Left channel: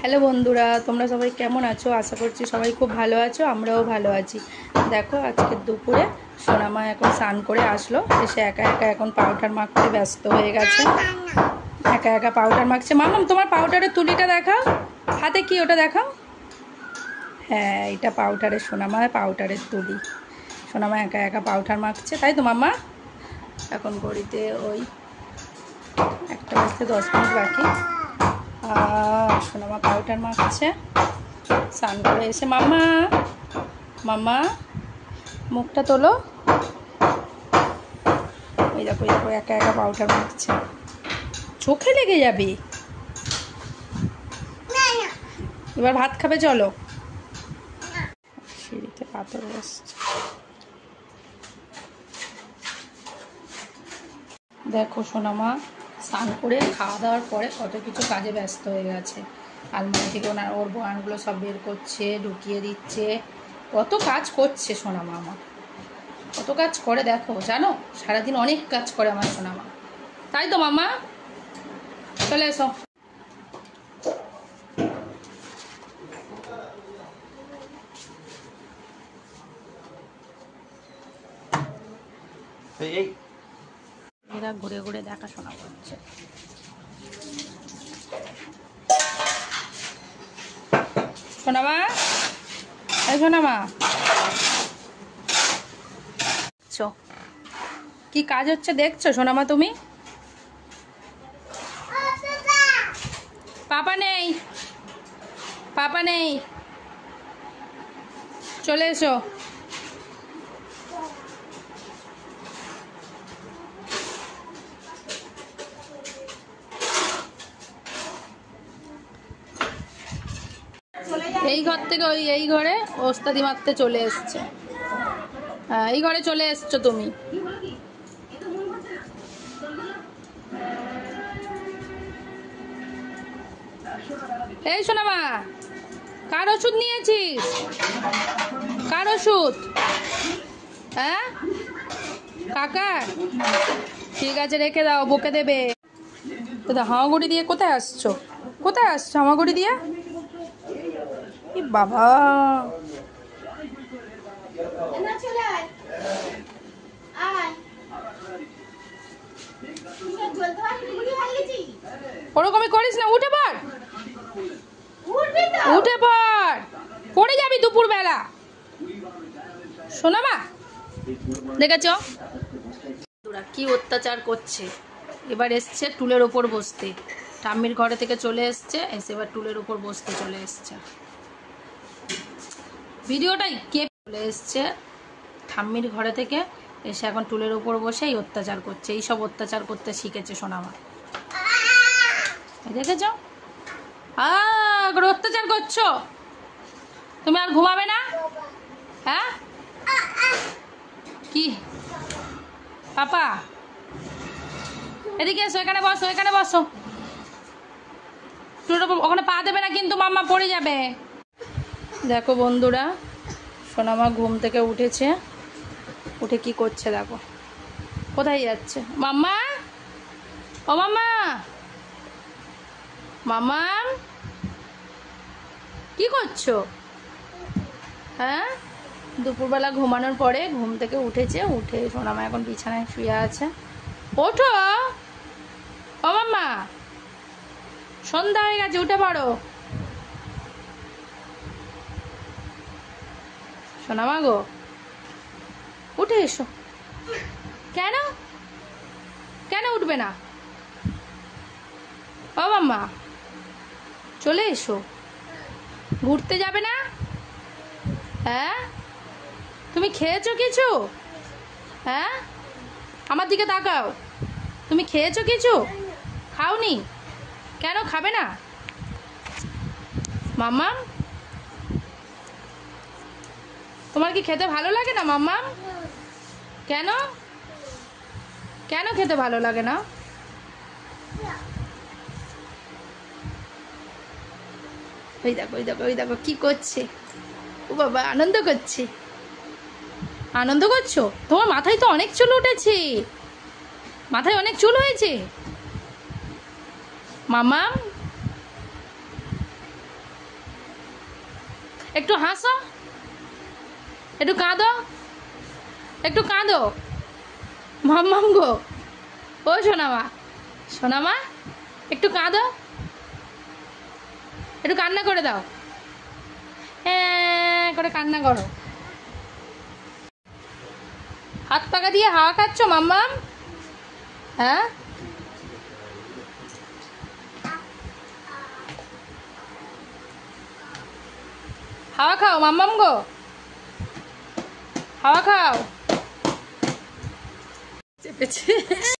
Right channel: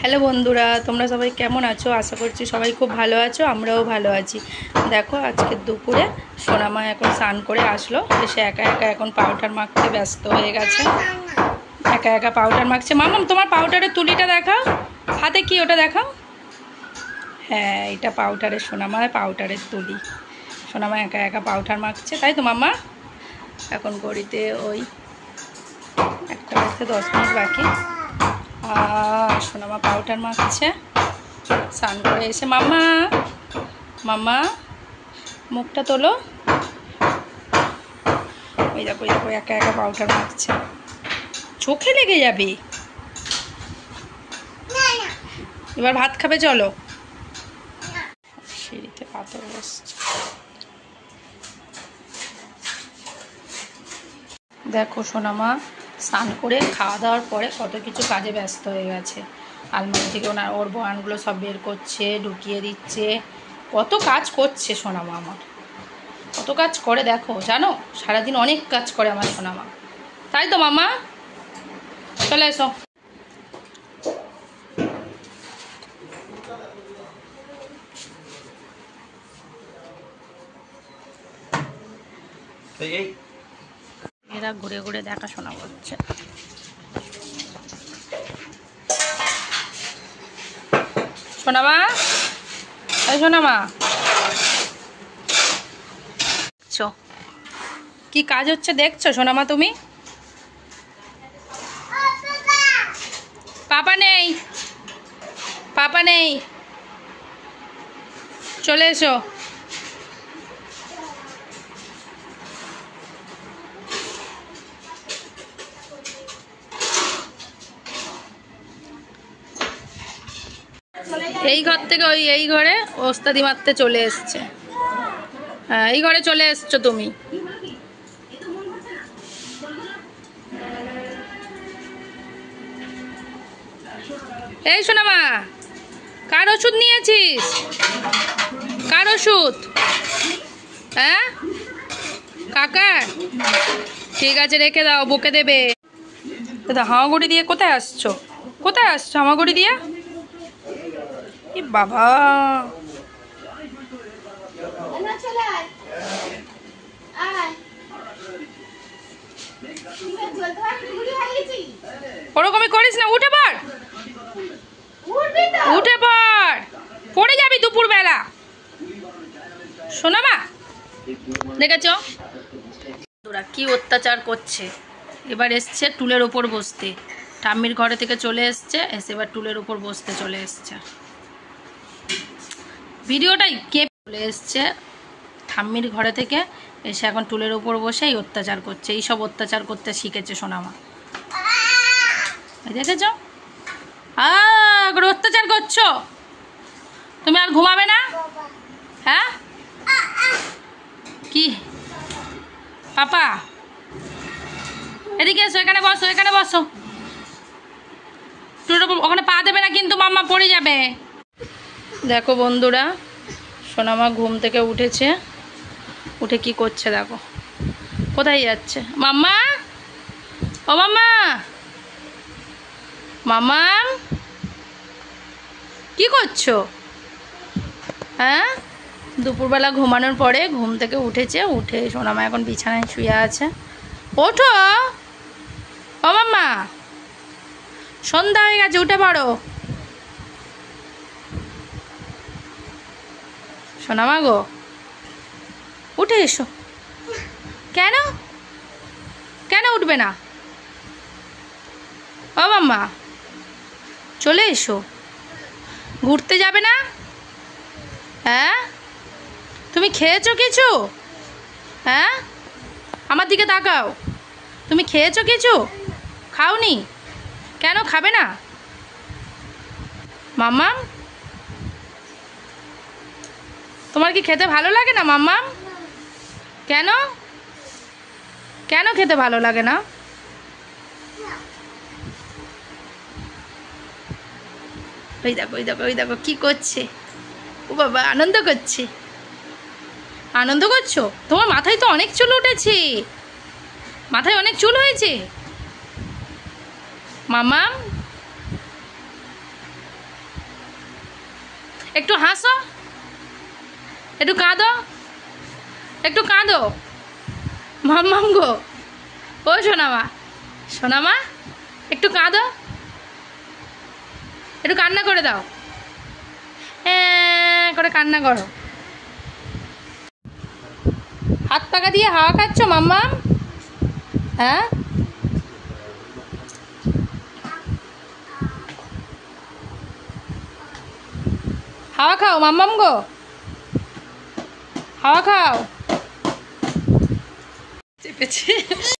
Hello বন্ধুরা, তোমরা সবাই কেমন আছো? আশা করছি সবাই খুব ভালো আছো, আমরাও ভালো আছি। দেখো আজকে দুপুরে সোনামা এখন স্নান করে আসলো, এসে একা একা এখন পাউডার মাখতে ব্যস্ত হয়ে গেছে। একা একা পাউডার মাখছে। মামাম তোমার পাউডারের তুলিটা দেখাও, হাতে কি ওটা দেখাও। হ্যাঁ, এটা পাউডারের সোনামা, পাউডারের তুলি। সোনামা একা একা পাউডার মাখছে, তাই তো মামা? এখন ঘড়িতে ওই 1টা বাজতে 10 মিনিট বাকি। সোনামা পাউডার মাখছে স্নান করে এসে। মাম্মা মাম্মা মুখটা তোলো। ওই দেখো ওই দেখো একা একা পাউডার মাখছে, চোখে লেগে যাবে। এবার ভাত খাবে, চলো। সিঁড়িতে পাথর বসছে। দেখো সোনামা স্নান করে খাওয়া দাওয়ার পরে কত কিছু কাজে ব্যস্ত হয়ে গেছে। আলমারি থেকে ওর বয়ানগুলো সব বের করছে, ঢুকিয়ে দিচ্ছে, কত কাজ করছে সোনামা। আমার কত কাজ করে দেখো, জানো? সারাদিন অনেক কাজ করে আমার সোনামা, তাই তো মামা? চলে এসো। এরা ঘুরে ঘুরে দেখাশোনা করছে। সোনামা, এই সোনামা, কি কাজ হচ্ছে দেখছো সোনামা তুমি? পাপা নেই, পাপা নেই, চলে এসো। এই ঘর থেকে ওই এই ঘরে ওস্তাদি মারতে চলে এসছে। হ্যাঁ, এই ঘরে চলে এসছো তুমি। এই সোনামা, কার ওষুধ নিয়েছিস? কার ওষুধ? হ্যাঁ, কাকার? ঠিক আছে, রেখে দাও, বকে দেবে। দাদা হামাগুড়ি দিয়ে কোথায় আসছো? কোথায় আসছো হামাগুড়ি দিয়ে? এ বাবা, ওরকমই করিস না, উঠে পড়, উঠে পড়, পড়ে যাবি দুপুর বেলা। সোনামা দেখেছো তোরা কি অত্যাচার করছে? এবার এসছে টুলের ওপর বসতে, ঠাম্মির ঘরে থেকে চলে এসছে, এসে এবার টুলের ওপর বসতে চলে এসছে। ভিডিওটাই কে চলে এসছে ঠাম্মির ঘরে থেকে, এসে এখন টুলের ওপর বসে এই অত্যাচার করছে। এই সব অত্যাচার করতে শিখেছে সোনামা, দেখেছ? অত্যাচার করছো তুমি, আর ঘুমাবে না? হ্যাঁ, কি পাপা এদিকে এসো, এখানে বসো, এখানে বসো। ওখানে পা দেবে না কিন্তু, মাম্মা পড়ে যাবে। দেখো বন্ধুরা, সোনামা ঘুম থেকে উঠেছে, উঠে কি করছে দেখো। কোথায় যাচ্ছে মাম্মা? ও মাম্মা, মাম্মা কি করছো? হ্যাঁ, দুপুরবেলা ঘুমানোর পরে ঘুম থেকে উঠেছে, উঠে সোনামা এখন বিছানায় শুয়ে আছে। ওঠো ও মাম্মা, সন্ধ্যা হয়ে গেছে, উঠে পড়ো। সোনামা গো, উঠে এসো। কেন কেন উঠবে না? ও মাম্মা চলে এসো, ঘুরতে যাবে না? হ্যাঁ, তুমি খেয়েছো কিছু? হ্যাঁ, আমার দিকে তাকাও, তুমি খেয়েছো কিছু? খাওনি? কেন খাবে না মাম্মাম? তোমার কি খেতে ভালো লাগে না মাম্মাম? কেন কেন খেতে ভালো লাগে না? ওই দেখো ওই দেখো ওই দেখো কি করছে। ও বাবা, আনন্দ করছে। আনন্দ করছো? তোমার মাথায় তো অনেক চুল উঠেছে, মাথায় অনেক চুল হয়েছে মাম্মাম। একটু হাসো, একটু কাঁদো, একটু কাঁদো। মাম্মাম গো, ও সোনামা, সোনামা একটু কাঁদো, একটু কান্না করে দাও, হ্যাঁ করে কান্না করো। হাত পাকা দিয়ে হাওয়া খাচ্ছ মাম্মাম? হ্যাঁ, হাওয়া খাও মাম্মাম গো, হাওয়া খাও। চেপেছি।